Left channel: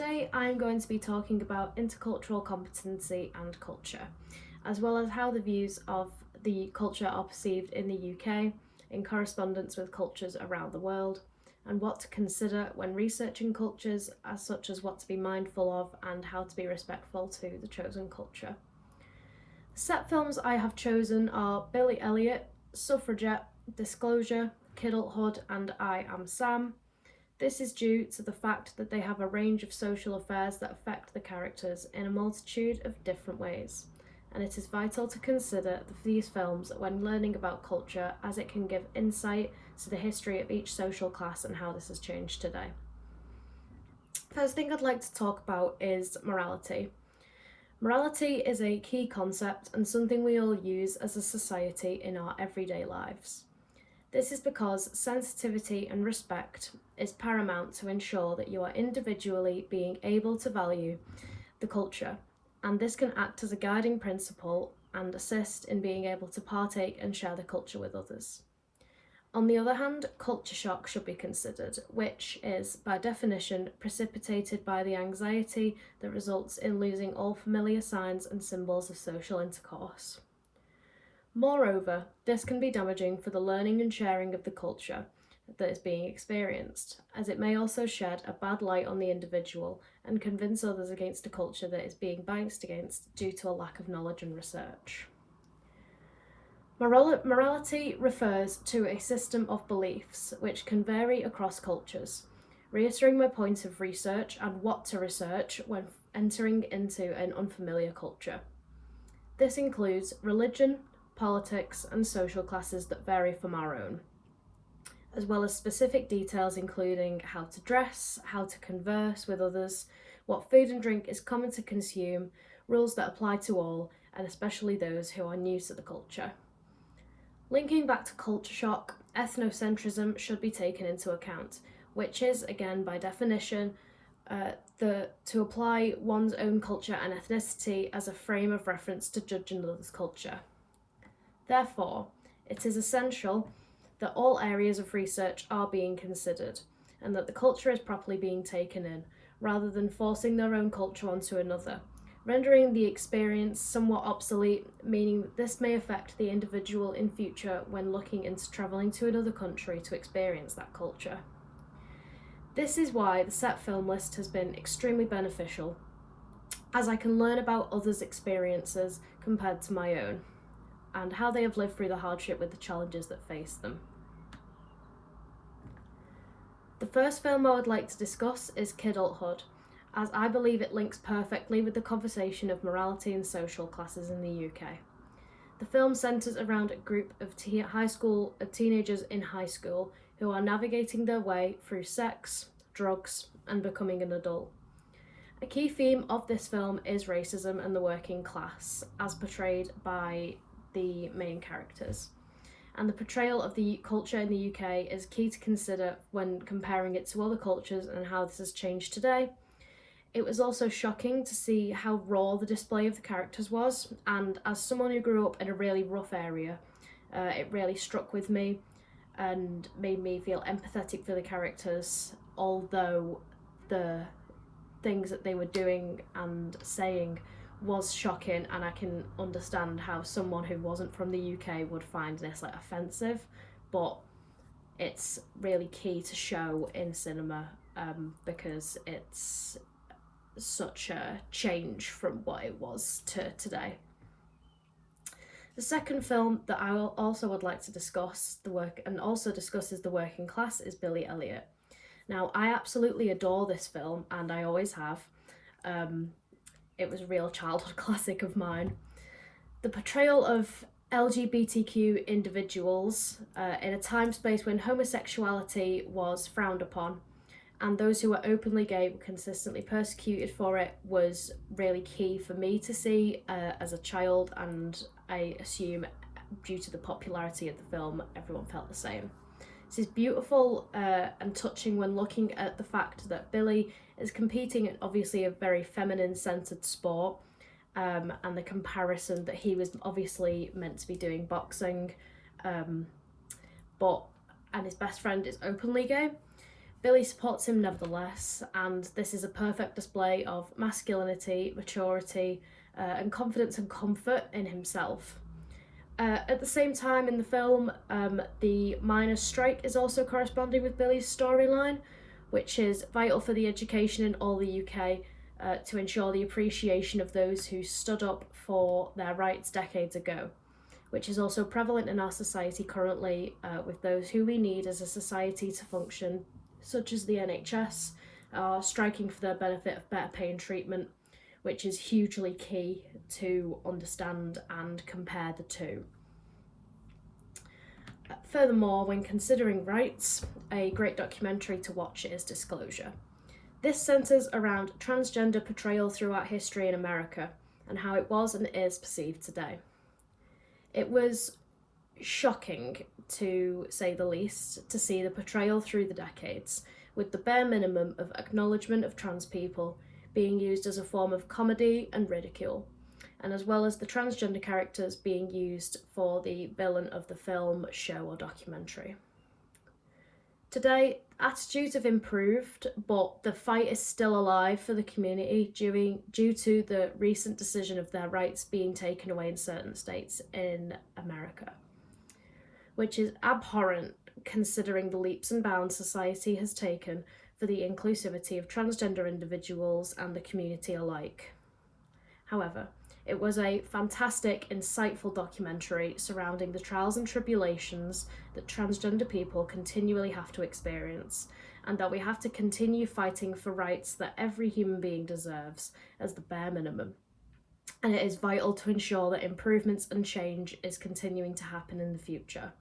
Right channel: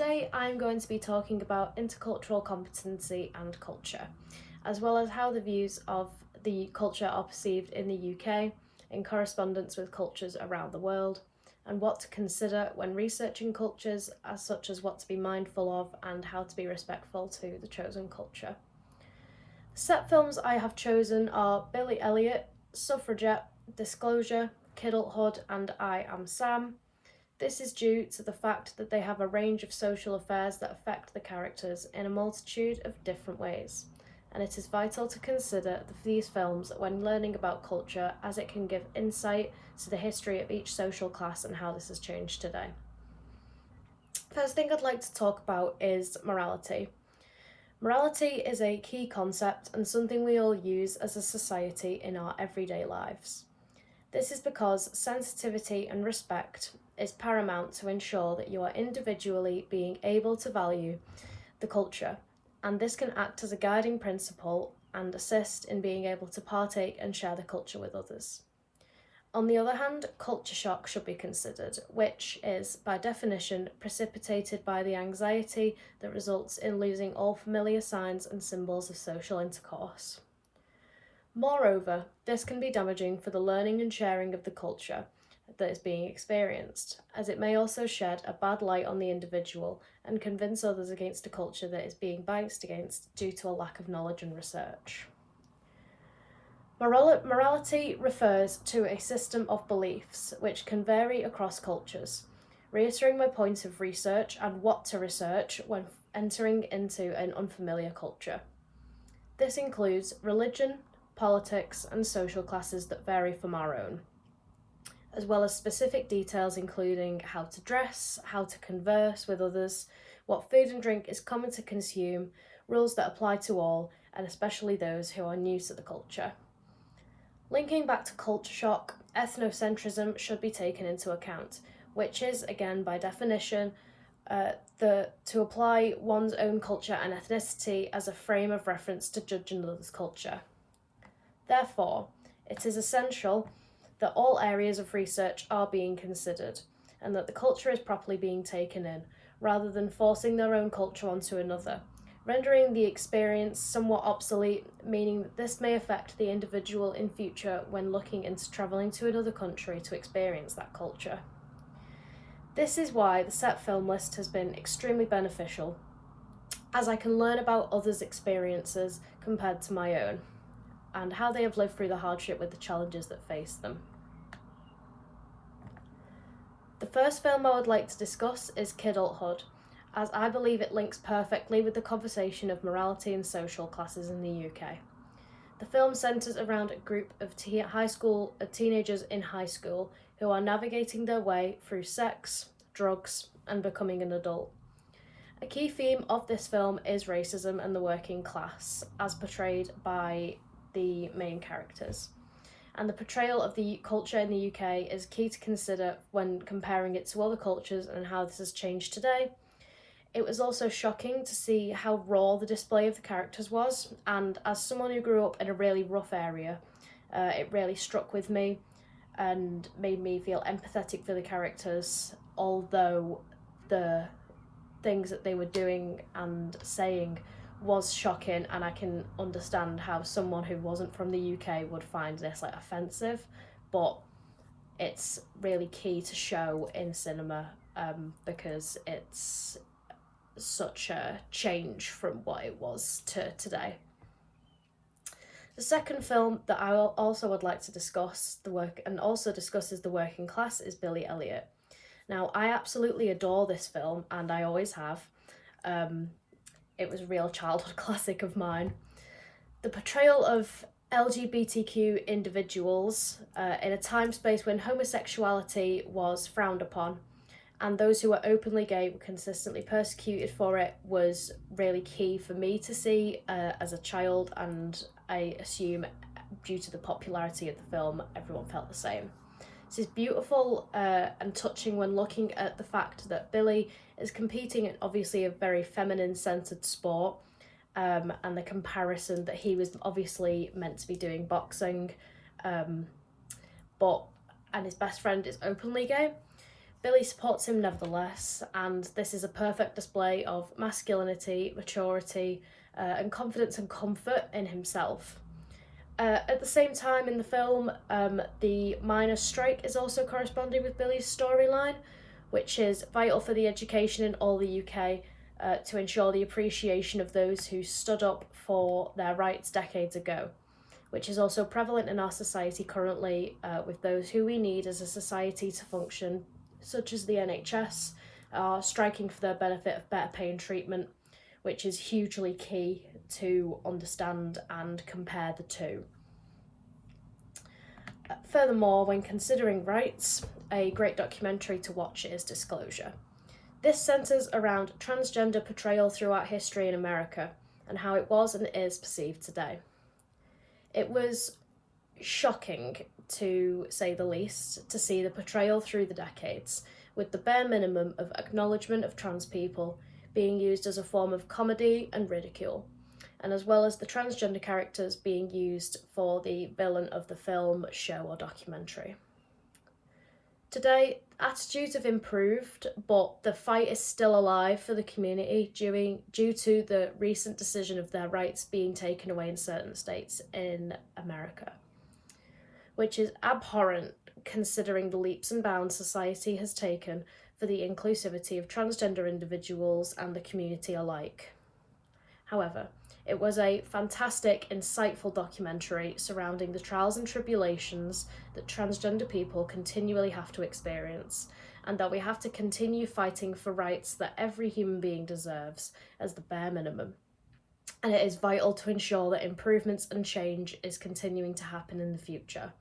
Today I'm going to be talking about intercultural competency and culture, as well as how the views of the culture are perceived in the UK in correspondence with cultures around the world, and what to consider when researching cultures, as such as what to be mindful of and how to be respectful to the chosen culture. The set films I have chosen are Billy Elliot, Suffragette, Disclosure, Kidulthood, and I Am Sam. This is due to the fact that they have a range of social affairs that affect the characters in a multitude of different ways, and it is vital to consider these films when learning about culture, as it can give insight to the history of each social class and how this has changed today. First thing I'd like to talk about is morality. Morality is a key concept and something we all use as a society in our everyday lives. This is because sensitivity and respect is paramount to ensure that you are individually being able to value the culture, and this can act as a guiding principle and assist in being able to partake and share the culture with others. On the other hand, culture shock should be considered, which is, by definition, precipitated by the anxiety that results in losing all familiar signs and symbols of social intercourse. Moreover, this can be damaging for the learning and sharing of the culture that is being experienced, as it may also shed a bad light on the individual and convince others against a culture that is being biased against due to a lack of knowledge and research. Morality refers to a system of beliefs which can vary across cultures, reiterating my point of research and what to research when entering into an unfamiliar culture. This includes religion, politics, and social classes that vary from our own, as well as specific details including how to dress, how to converse with others, what food and drink is common to consume, rules that apply to all, and especially those who are new to the culture. Linking back to culture shock, ethnocentrism should be taken into account, which is, again, by definition, to apply one's own culture and ethnicity as a frame of reference to judge another's culture. Therefore, it is essential that all areas of research are being considered and that the culture is properly being taken in, rather than forcing their own culture onto another, rendering the experience somewhat obsolete, meaning that this may affect the individual in future when looking into travelling to another country to experience that culture. This is why the set film list has been extremely beneficial, as I can learn about others' experiences compared to my own, and how they have lived through the hardship with the challenges that face them. The first film I would like to discuss is Kidulthood, as I believe it links perfectly with the conversation of morality and social classes in the UK. The film centres around a group of teenagers in high school who are navigating their way through sex, drugs, and becoming an adult. A key theme of this film is racism and the working class, as portrayed by the main characters. And the portrayal of the culture in the UK is key to consider when comparing it to other cultures and how this has changed today. It was also shocking to see how raw the display of the characters was, and as someone who grew up in a really rough area, it really struck with me and made me feel empathetic for the characters, although the things that they were doing and saying was shocking, and I can understand how someone who wasn't from the UK would find this offensive, but it's really key to show in cinema because it's such a change from what it was to today. The second film that I also would like to discuss discusses the working class is Billy Elliot. Now, I absolutely adore this film, and I always have. It was a real childhood classic of mine. The portrayal of LGBTQ individuals in a time space when homosexuality was frowned upon and those who were openly gay were consistently persecuted for it was really key for me to see as a child, and I assume due to the popularity of the film everyone felt the same. This is beautiful and touching when looking at the fact that Billy is competing in obviously a very feminine centred sport, and the comparison that he was obviously meant to be doing boxing, and his best friend is openly gay. Billy supports him nevertheless, and this is a perfect display of masculinity, maturity, and confidence and comfort in himself. At the same time in the film, the miners' strike is also corresponding with Billy's storyline, which is vital for the education in all the UK to ensure the appreciation of those who stood up for their rights decades ago, which is also prevalent in our society currently with those who we need as a society to function, such as the NHS, are striking for their benefit of better pay and treatment, which is hugely key to understand and compare the two. Furthermore, when considering rights, a great documentary to watch is Disclosure. This centres around transgender portrayal throughout history in America and how it was and is perceived today. It was shocking, to say the least, to see the portrayal through the decades, with the bare minimum of acknowledgement of trans people being used as a form of comedy and ridicule, and as well as the transgender characters being used for the villain of the film, show or documentary. Today, attitudes have improved, but the fight is still alive for the community due to the recent decision of their rights being taken away in certain states in America, which is abhorrent considering the leaps and bounds society has taken for the inclusivity of transgender individuals and the community alike. However, it was a fantastic, insightful documentary surrounding the trials and tribulations that transgender people continually have to experience, and that we have to continue fighting for rights that every human being deserves as the bare minimum. And it is vital to ensure that improvements and change is continuing to happen in the future.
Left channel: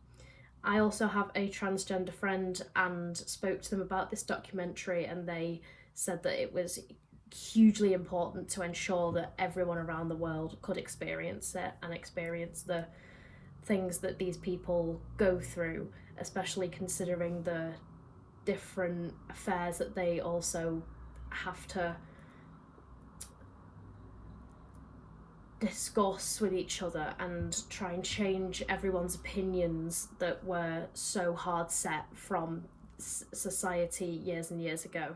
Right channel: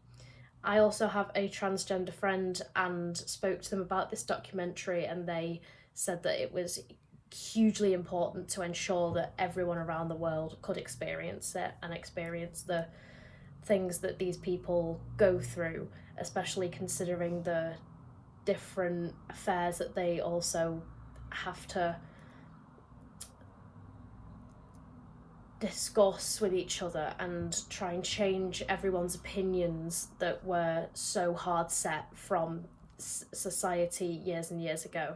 I also have a transgender friend and spoke to them about this documentary, and they said that it was hugely important to ensure that everyone around the world could experience it and experience the things that these people go through, especially considering the different affairs that they also have to discuss with each other and try and change everyone's opinions that were so hard set from society years and years ago.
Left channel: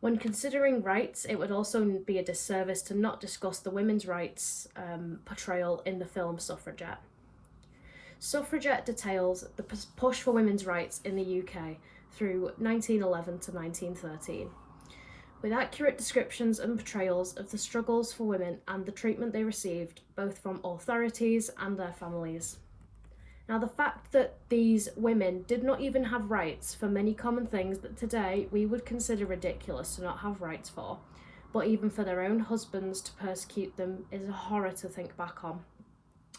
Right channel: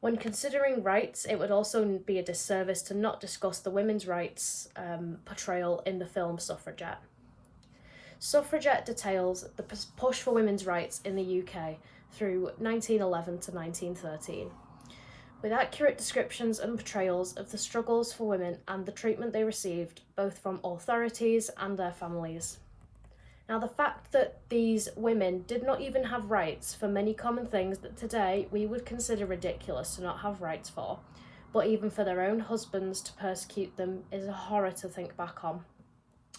When considering rights, it would also be a disservice to not discuss the women's rights portrayal in the film Suffragette. Suffragette details the push for women's rights in the UK through 1911 to 1913, with accurate descriptions and portrayals of the struggles for women and the treatment they received, both from authorities and their families. Now, the fact that these women did not even have rights for many common things that today we would consider ridiculous to not have rights for, but even for their own husbands to persecute them, is a horror to think back on,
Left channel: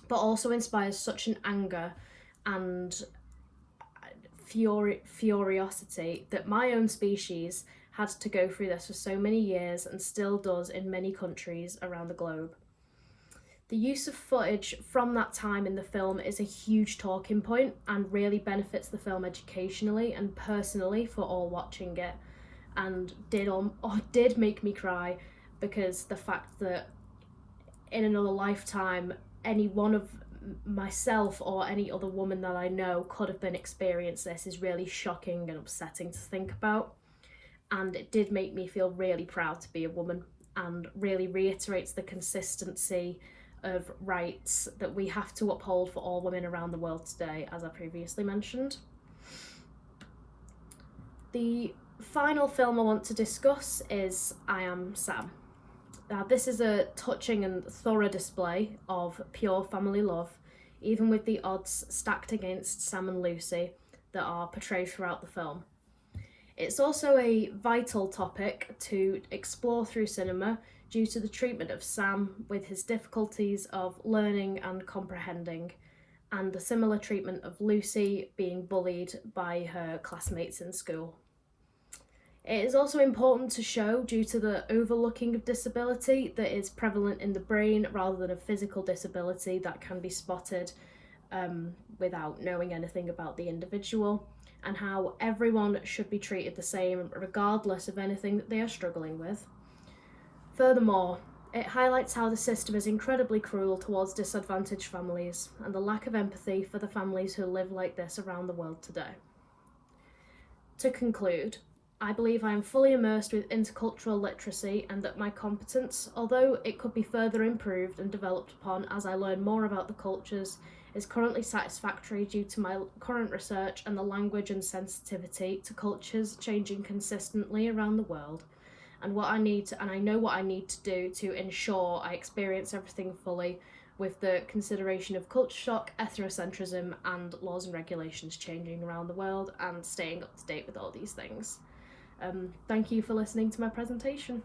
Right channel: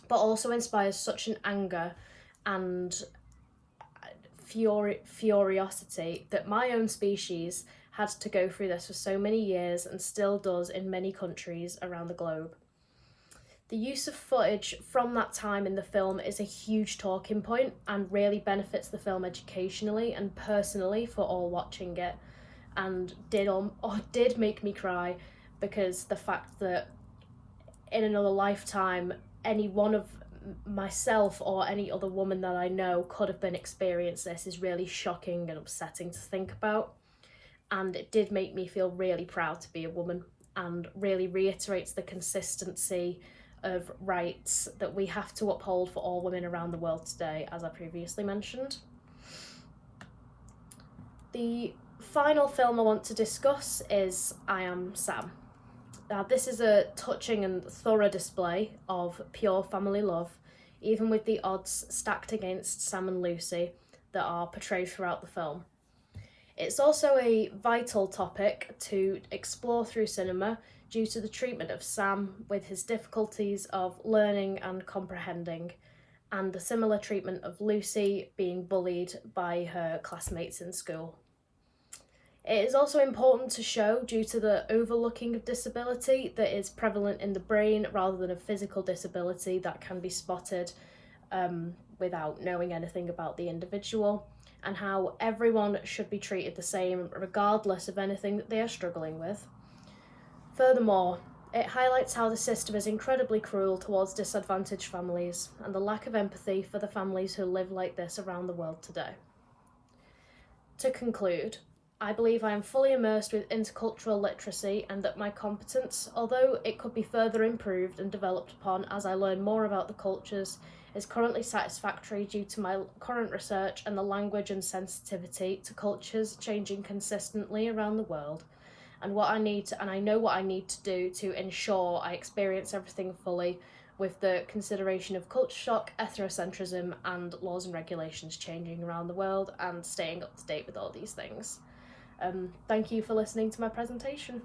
but also inspires such an anger and furiosity that my own species had to go through this for so many years and still does in many countries around the globe. The use of footage from that time in the film is a huge talking point and really benefits the film educationally and personally for all watching it, and did make me cry, because the fact that in another lifetime any one of myself or any other woman that I know could have been experiencing this is really shocking and upsetting to think about. And it did make me feel really proud to be a woman, and really reiterates the consistency of rights that we have to uphold for all women around the world today, as I previously mentioned. The final film I want to discuss is I Am Sam. Now, this is a touching and thorough display of pure family love, even with the odds stacked against Sam and Lucy that are portrayed throughout the film. It's also a vital topic to explore through cinema due to the treatment of Sam with his difficulties of learning and comprehending, and the similar treatment of Lucy being bullied by her classmates in school. It is also important to show due to the overlooking of disability that is prevalent in the brain rather than a physical disability that can be spotted without knowing anything about the individual, and how everyone should be treated the same regardless of anything that they are struggling with. Furthermore, it highlights how the system is incredibly cruel towards disadvantaged families and the lack of empathy for the families who live like this around the world today. To conclude, I believe I am fully immersed with intercultural literacy and that my competence, although it could be further improved and developed upon as I learn more about the cultures, is currently satisfactory due to my current research and the language and sensitivity to cultures changing consistently around the world, and I know what I need to do to ensure I experience everything fully with the consideration of culture shock, ethnocentrism, and laws and regulations changing around the world and staying up to date with all these things. Thank you for listening to my presentation.